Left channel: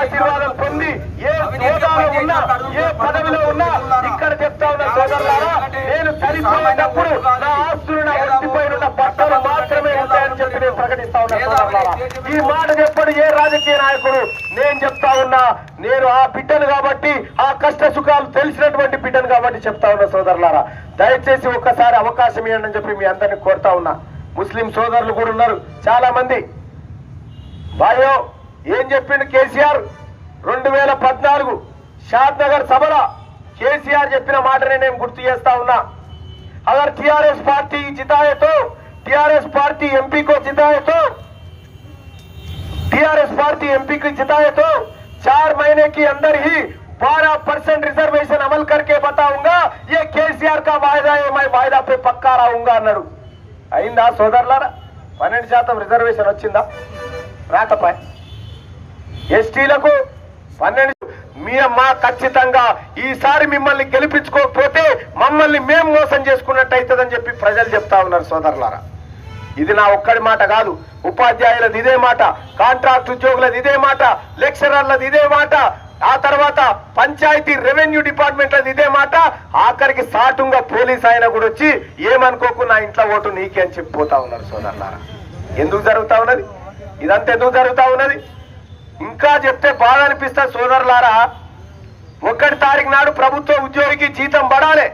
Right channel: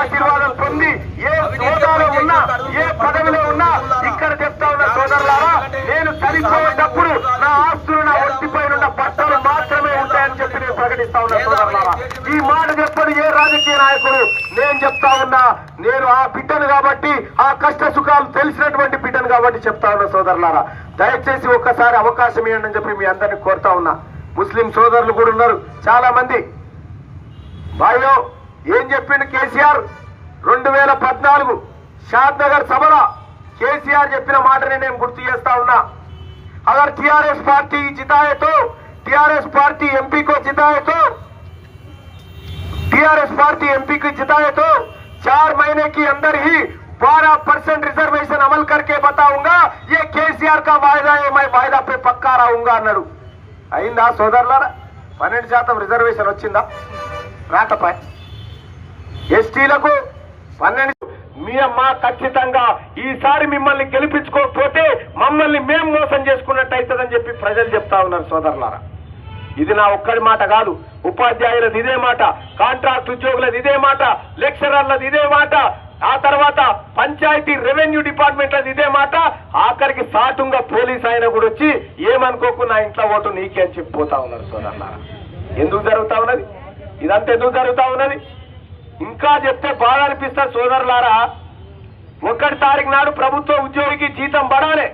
ఆశీర్వాదం పొంది ఏ హోదాలో ఉన్నా ఏ పదవిలో ఉన్నా ఇక్కడ చెప్తా ఉన్న సోదరులారా నేను చనిపోయేటప్పుడు నా ఆస్తులు నా ఒంటిపై ఉన్న పట్టాలు మాత్రమే ఉంటాయని చెప్పి నేను ప్రకటిస్తా ఉన్నా సోదరులారా. ఈ మాట చెప్పని ఏ రాజకీయ నాయకుడు? నేను చెప్తా ఉన్నా నేను ఆ బిడ్డను కాబట్టి ఆ కష్ట సుఖాలు తెలిసినటువంటి బిడ్డను కాబట్టి చెప్తా ఉన్నా సోదరులారా. దయచేసి ఒక్కసారి అవకాశం ఇవ్వండి అని చెప్పి మీ అందరిని కోరుతా ఉన్నా. ముస్లిం సోదరులు కూడా ఉన్నారు చాలా మంది భాయ్యో ఏం చెప్పిండు కేసీఆర్ రెండు వేల పద్నాలుగు షాద్ నగర్ సభలో కేసీఆర్ చెప్పిన మాటని నేను గుర్తు చేస్తా ఉన్నా అగర్ టిఆర్ఎస్ పార్టీ जिताए तो टीआरएस पार्टी एमपी को जिताए तो टीआरएस पार्टी एमपी को जिताए तो चार महीने के अंदर ही 12 परसेंट रिजर्वेशन अमल करके बताऊंगा ये केसीआर का वायदा है मैं वायदा पे पक्का रहूंगा అన్నాడు అయిందా సోదరులారా పన్నెండు శాతం రిజర్వేషన్ వచ్చిందా రాకపాయ్ ఎస్టీలకు పన్నెండు మీ ఖచ్చితంగా ఈసారి మిమ్మల్ని గెలిపించుకోకపోతే మమ్మల్ని మేము మోసం చేసుకున్నట్టు అవుతుందని చెప్పి ప్రజలు చెప్తా ఉన్నారు సోదరులారా. ఇది నా ఒక్కడి మాట కాదు. ఉపాధ్యాయులది ఇదే మాట కాంట్రాక్ట్ ఉద్యోగులది ఇదే మాట లెక్చరర్లది ఇదే మాట ఆ తర్వాత పంచాయతీ రెవెన్యూ డిపార్ట్మెంట్లది ఇదే మాట ఆఖరికి సాటుగా పోలీస్ ఆయన కూడా వచ్చి ఏమనుకోకు నా ఇంట్లో ఓటు నీకే అని చెప్పిపోతా ఉన్నారు సోదరులారా. ఎందుకు జరుగుతా ఉన్నది? ఇదంతా ఎందుకు జరుగుతా ఉన్నది? ఇంకా చెప్తే బాగా అనిపిస్తా సోదరులారా ఒకటి తారీఖు నాడు ప్రభుత్వ ఉద్యోగికి జీతం పడాలి.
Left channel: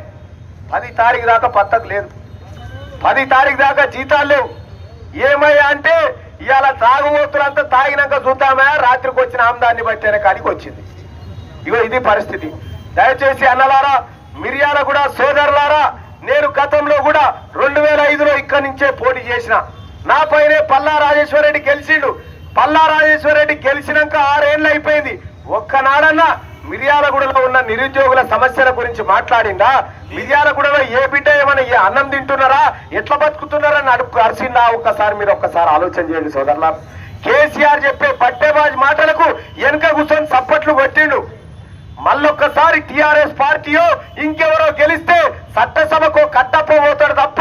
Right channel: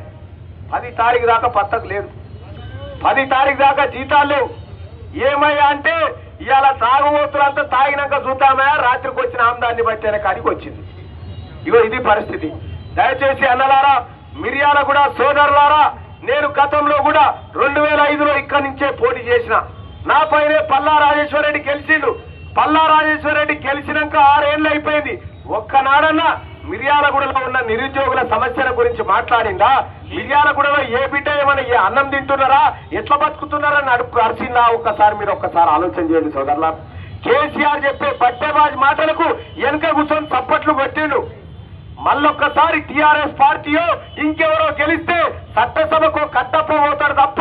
పది తారీఖు దాకా పత్తకు లేదు. పది తారీఖు దాకా జీతాలు లేవు. ఏమయ్యా అంటే ఇవాళ తాగుబోతులంతా తాగినాక చూద్దామా? రాత్రికి వచ్చిన ఆమ్దాన్ని బట్టి కాడికి వచ్చింది. ఇగో ఇది పరిస్థితి. దయచేసి అన్నలారా మిర్యాల కూడా సోదరులారా నేను గతంలో కూడా రెండు వేల ఐదులో ఇక్కడి నుంచే పోటీ చేసిన. నా పైనే పల్లా రాజేశ్వరరెడ్డి గెలిచిండు. పల్లా రాజేశ్వరరెడ్డి గెలిచినాక ఆరేళ్ళు అయిపోయింది. ఒక్కనాడన్నా మిర్యాలగూడలో ఉన్న నిరుద్యోగుల సమస్యల గురించి మాట్లాడిందా? మిర్యాలగూడలో ఏ బిడ్డ ఏమైనా ఏ అన్నం తింటున్నారా? ఎట్లా బతుకుతున్నారని అడుగు అరిసిందా? ఒక్కసారి మీరు ఒక్కసారి ఆలోచన చేయండి సోదరులా కేసీఆర్ చెప్పే బట్టేబాజ్ మాటలకు వెనక కూర్చొని చప్పట్లు కొట్టిండు. మళ్ళొక్కసారి టిఆర్ఎస్ పార్టీయో ఇంకెవరో గెలిస్తే చట్టసభకు కట్టపోతాడు తప్ప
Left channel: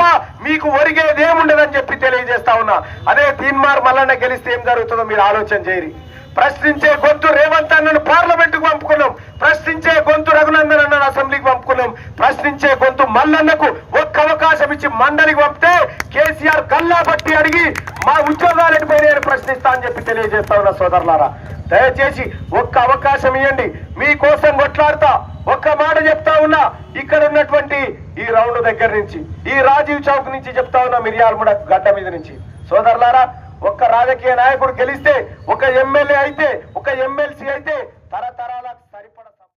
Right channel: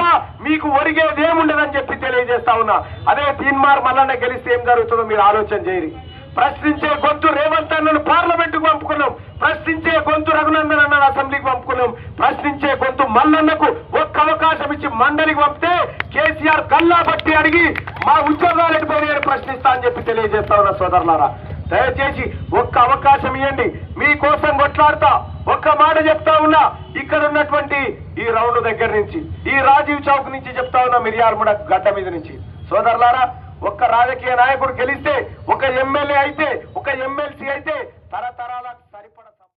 మీకు ఒరిగేదేముండదని చెప్పి తెలియజేస్తా ఉన్నా. అదే తీన్మార్ మల్లన్న గెలిస్తే ఏం జరుగుతుందో మీరు ఆలోచన చేయరు ప్రశ్నించే గొంతు రేవంత్ అన్నను పార్లమెంట్కు పంపుకున్నాం. ప్రశ్నించే గొంతు రఘునందన్ అన్నను అసెంబ్లీకి పంపుకున్నాం. ప్రశ్నించే గొంతు మల్లన్నకు ఒక్క అవకాశం ఇచ్చి మండలికి పంపితే కేసీఆర్ కల్లా బట్టి అడిగి మా ఉద్యోగాలు ఎటుపోయినాయని ప్రశ్నిస్తా అని చెప్పి తెలియజేస్తా ఉన్న సోదరులారా. దయచేసి ఒక్క అవకాశం ఇవ్వండి మీకోసం కొట్లాడతా. ఒక్క మాట చెప్తా ఉన్నా ఇక్కడ ఉన్నటువంటి ఈ రౌండ్ దగ్గర నుంచి ఈ రాజీవ్ చౌక్ నుంచి చెప్తా ఉన్నా మిర్యాలముడ గడ్డ మీద నుంచి. సోదరులారా ఒక్క రాజకీయ నాయకుడు గెలిస్తే ఒక ఎమ్మెల్యే అయితే ఒక ఎమ్మెల్సీ అయితే తరతరాల